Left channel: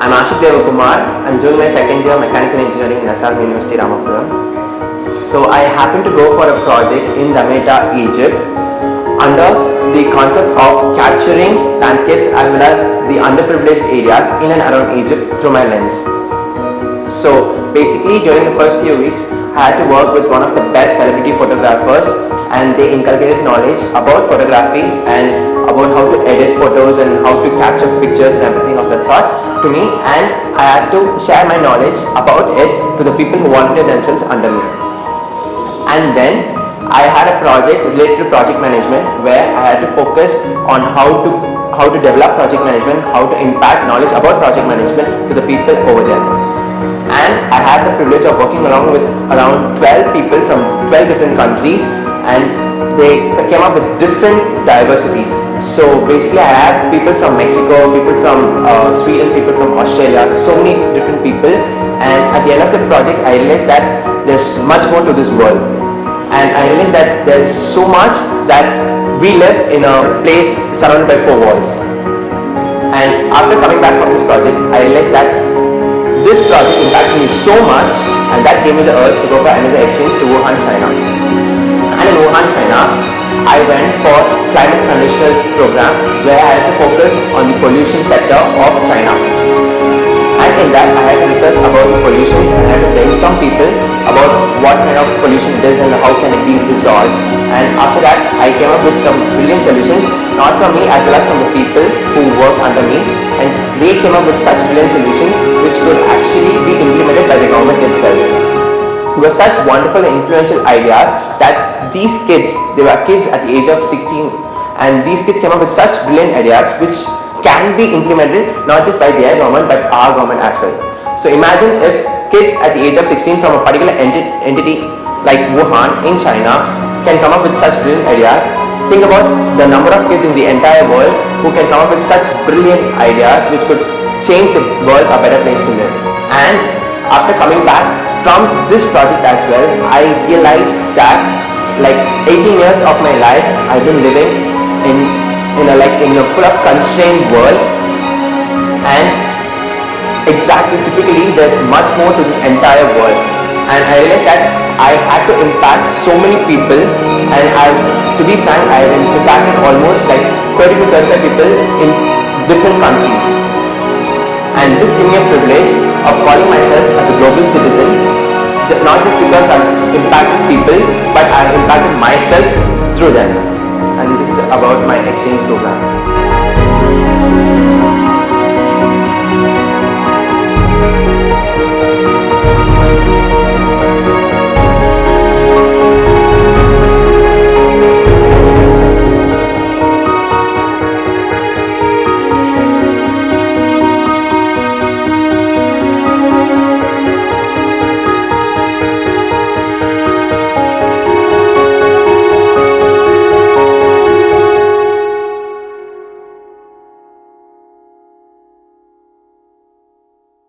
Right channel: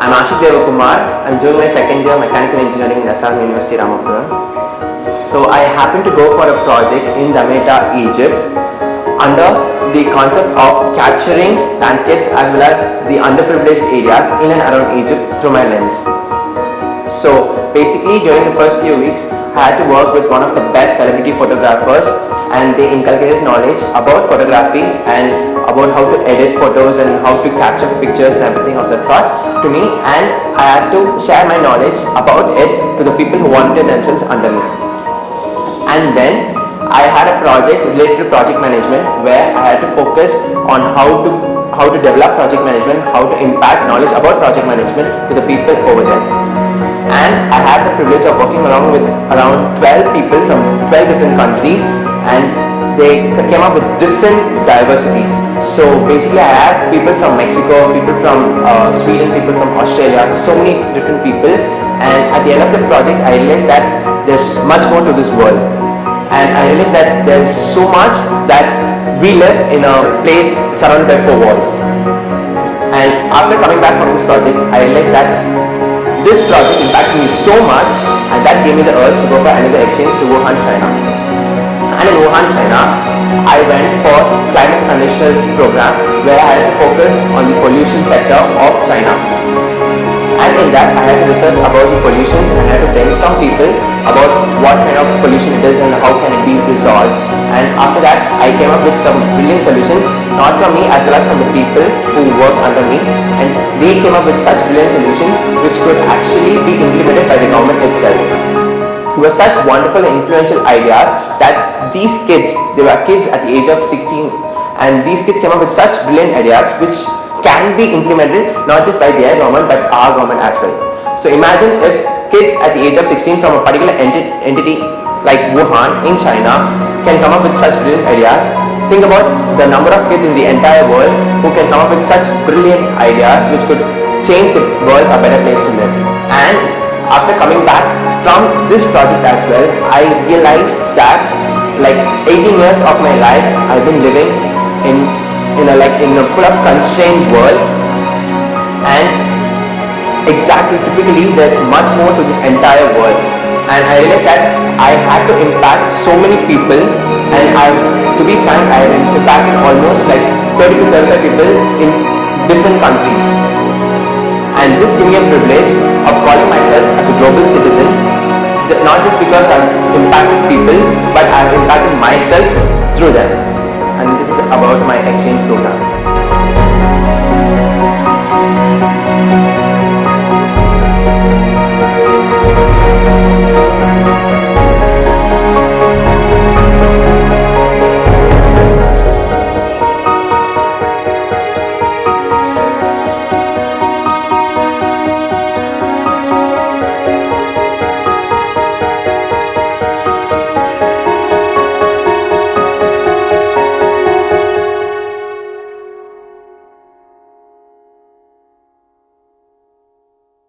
I'm Ashik Devakumar. I'm doing my second year mechanical engineering in SR University, Ramapuram. So I happened to go for a project in Damietta, Egypt under the concept of capturing landscapes as well as the underprivileged areas in and around Egypt through my lens. So basically during the first few weeks I had to work with one of the best celebrity photographers, and they inculcated knowledge about photography and about how to edit photos and how to capture pictures and everything of that sort to me, and I had to share my knowledge about it to the people who volunteered themselves under me. And then I had a project related to project management where I had to focus on how to develop project management, how to impact knowledge about project management to the people over there. And I had the privilege of working along with around 12 people from 12 different countries, and they came up with different diversities. So basically I had people from Mexico, people from Sweden, people from Australia, so many different people, and at the end of the project I realized that there's much more to this world, and I realized that there's so much that we live in a place surrounded by 4 walls. And after coming back from this project I realized that this project impacted me so much, and that gave me the urge to go for another exchange to Wuhan, China. And in Wuhan, China, I went for climate conditional program where I had to focus on the pollution sector of China. And in that I had to research about the pollutions, and I had to brainstorm people about what kind of pollution it is and how can it be resolved. And after that I came up with some brilliant solutions, not from me as well as from the people who work under me, and they came up with such brilliant solutions which could actually be implemented by the government itself. It was such wonderful and influential ideas that these kids, they were kids at the age of 16, and these kids came up with such brilliant ideas which can be implemented not just by their government but our government as well. So imagine if kids at the age of 16 from a particular entity like Wuhan in China can come up with such brilliant ideas. Think about the number of kids in the entire world who can come up with such brilliant ideas which could change the world a better place to live. And after coming back from this project as well, I realized that like 18 years of my life I've been living in a full of constrained world, and typically there's much more to this entire world. And I realized that I had to impact so many people, and to be frank, I have impacted almost like 30 to 35 people in different countries. And this gave me a privilege of calling myself as a global citizen, not just because I've impacted people, but I've impacted myself through them. And this is about my exchange program.